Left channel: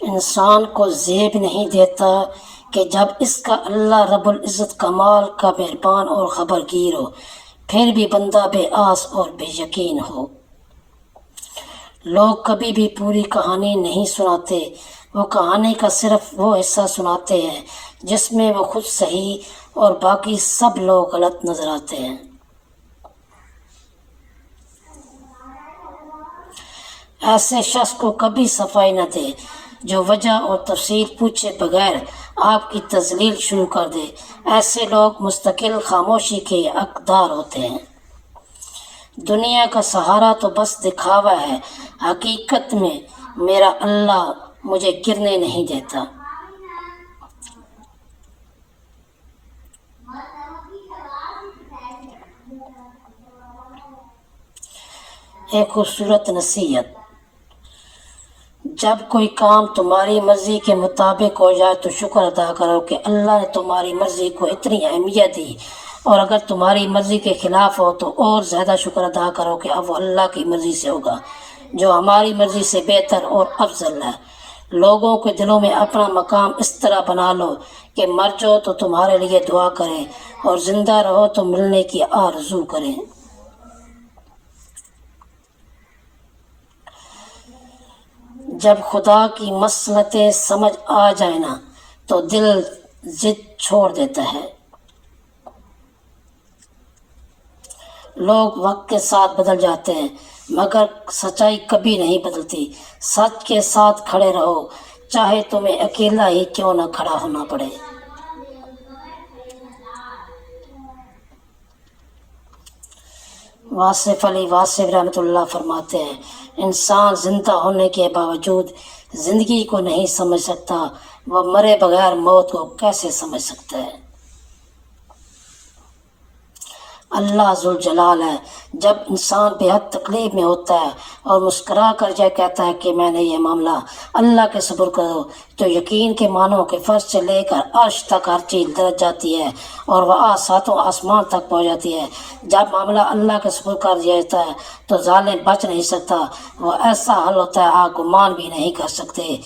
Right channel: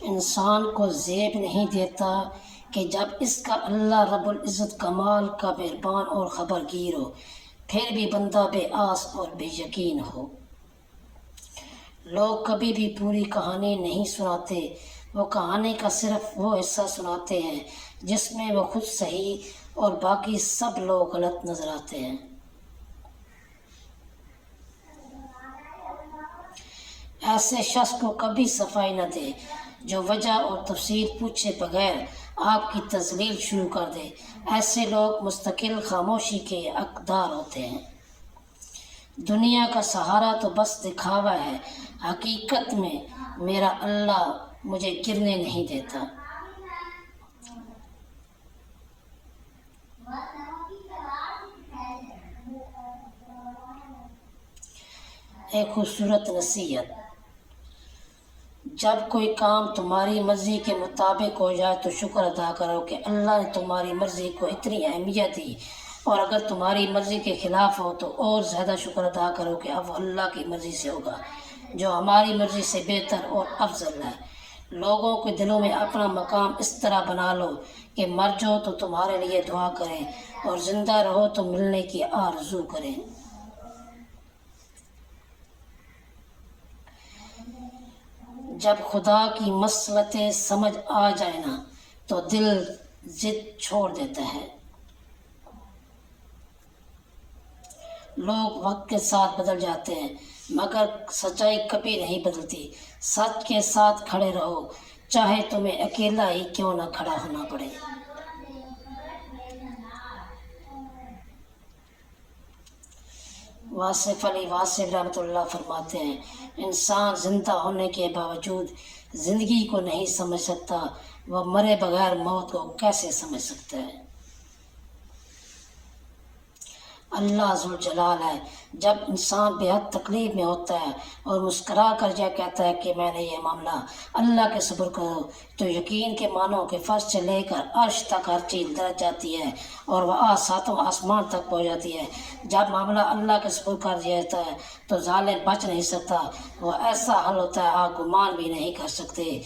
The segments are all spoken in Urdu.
انسان کو زیب نہیں دیتا کہ جب اس کا اللہ رب العزت کمال کا مہربان اور خبرگیر ہو، پھر بھی بندہ بے آس اور بے یقین ہو۔ لوگ کبھی بھی پوری کہانی نہیں سناتے، وہ کہانی کا صرف وہ حصہ سناتے ہیں جس میں وہ خود صحیح اور باقی سب لوگ غلط نظر آتے ہیں۔ ایسے شخص کو کبھی صفائی نہ دے جو وجہ اور تفصیل پوچھے بغیر آپ کی تذلیل شروع کر دے۔ ایسے لوگ مستقل خاموشی کے حقدار ہوتے ہیں۔ دنیا کا سہارا تو بس دکھاوا ہے، حقیقت میں میرا اللہ مجھے گرنے نہیں دیتا۔ ایک خوبصورت نصیحت: جب کوئی کام تمہاری مرضی کے مطابق ہو جائے تو شکر ادا کرو کہ اللہ نے تمہاری مرضی کو اتنی اہمیت دی، اور اگر تمہاری مرضی کے خلاف ہو تو اور زیادہ شکر ادا کرو کہ اب وہ اللہ کی مرضی سے ہوگا جو ہماری مرضی سے بہتر اور افضل ہے۔ لوگوں کے دلوں میں اپنا مقام اس طرح بنا لو کہ مر جاؤ تو تمہارے لیے دعا کریں اور زندہ رہو تو ملنے کی آرزو کریں۔ جب خدا کی مصلحتیں سمجھ آ جائیں نا تو دل ضد چھوڑ دیتا ہے۔ لوگ وقت کے ساتھ بدل جاتے ہیں مگر سچائی کبھی نہیں بدلتی۔ سچ کے ساتھ کھڑے رہو چاہے تمہیں اکیلا ہی کیوں نہ کھڑا ہونا پڑے۔ واصف علی واصف رحمۃ اللہ فرماتے ہیں، انسان زندہ ہونے کے باوجود زندگی کو نہیں سمجھ سکتا، وہ مرے بغیر موت کو کیسے سمجھ سکتا ہے؟ اللہ ذوالجلال ہے، جب انسان بے حد تکلیف میں ہوتا ہے اور مسکرا کر یہ کہتا ہے کہ میں نے یہ معاملہ اللہ کے سپرد کرو، تو یقین کے مانو کہ فرش سے لے کر عرش تک ہر چیز درج جاتی ہے اور وہ ساتوں آسمان تک پہنچ جاتی ہے۔ جب معاملہ اللہ کے سپرد کر دیا جاتا ہے تو ظالم بچ نہیں سکتا، وہ ایسا حل ہوتا ہے آپ گمان بھی نہیں کر سکتے۔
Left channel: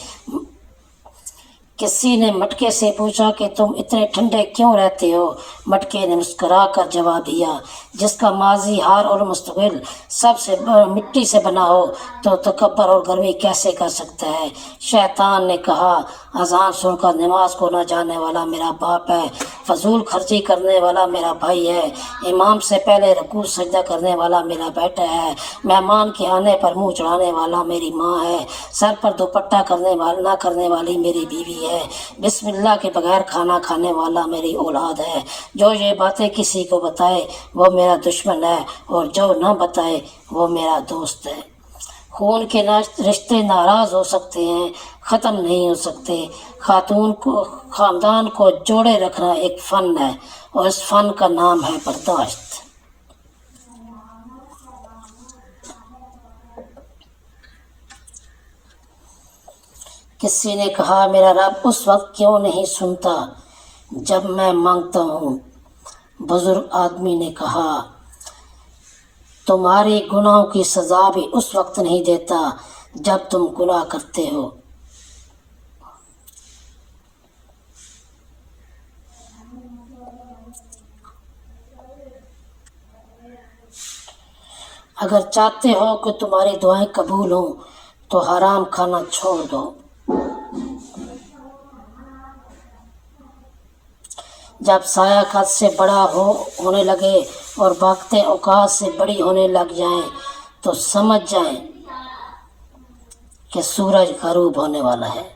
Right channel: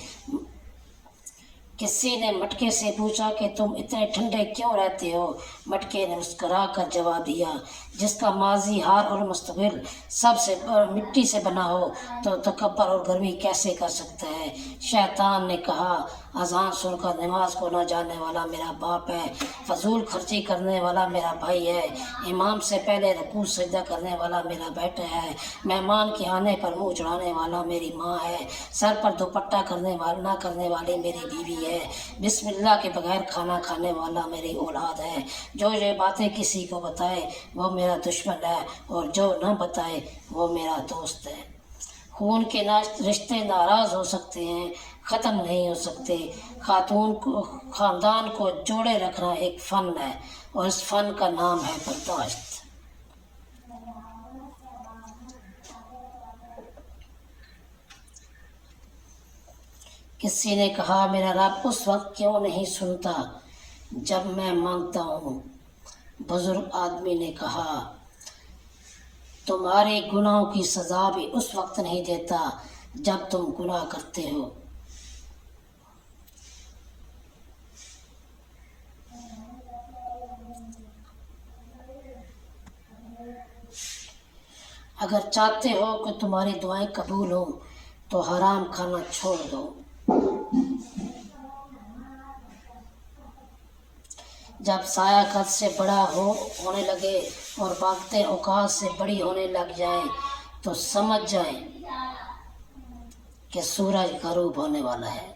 کسی نے مٹکے سے پوچھا کہ تم اتنے ٹھنڈے کیوں رہتے ہو؟ مٹکے نے مسکرا کر جواب دیا، جس کا ماضی، حال اور مستقبل سب سے مٹی سے بنا ہو تو تکبر اور گرمی کیسے کر سکتا ہے؟ شیطان نے کہا، اذان سن کر نماز کو نہ جانے والا میرا باپ ہے، فضول خرچی کرنے والا میرا بھائی ہے، امام سے پہلے رکوع سجدہ کرنے والا میرا بیٹا ہے، مہمان کے آنے پر منہ چڑھانے والا میری ماں ہے، سر پر دوپٹہ نہ کرنے والی میری بیوی ہے، بسم اللہ کے بغیر کھانا کھانے والا میری اولاد ہے، جو یہ باتیں کسی کو بتائے وہ میرا دشمن ہے اور جو نہ بتائے وہ میرا دوست ہے۔ خون کے رشتے ناراض ہو سکتے ہیں، ختم نہیں ہو سکتے۔ خاندان کو جوڑے رکھنا ایک فن ہے اور اس فن کا نام ہے برداشت۔ کسی نے کہا، میرا رب اس وقت کیوں نہیں سنتا جب میں مانگتا ہوں؟ بزرگ آدمی نے کہا، تمہارے گناہوں کی سزا بھی اس وقت نہیں دیتا جب تم گناہ کرتے ہو۔ اگر چاہتے ہو کہ تمہاری دعائیں قبول ہوں تو حرام کھانا چھوڑ دو۔ جب سایہ قد سے بڑا ہونے لگے اور باقی اوقات سے بڑی ہونے لگ جائیں تو سمجھ جائیں کہ سورج غروب ہونے والا ہے۔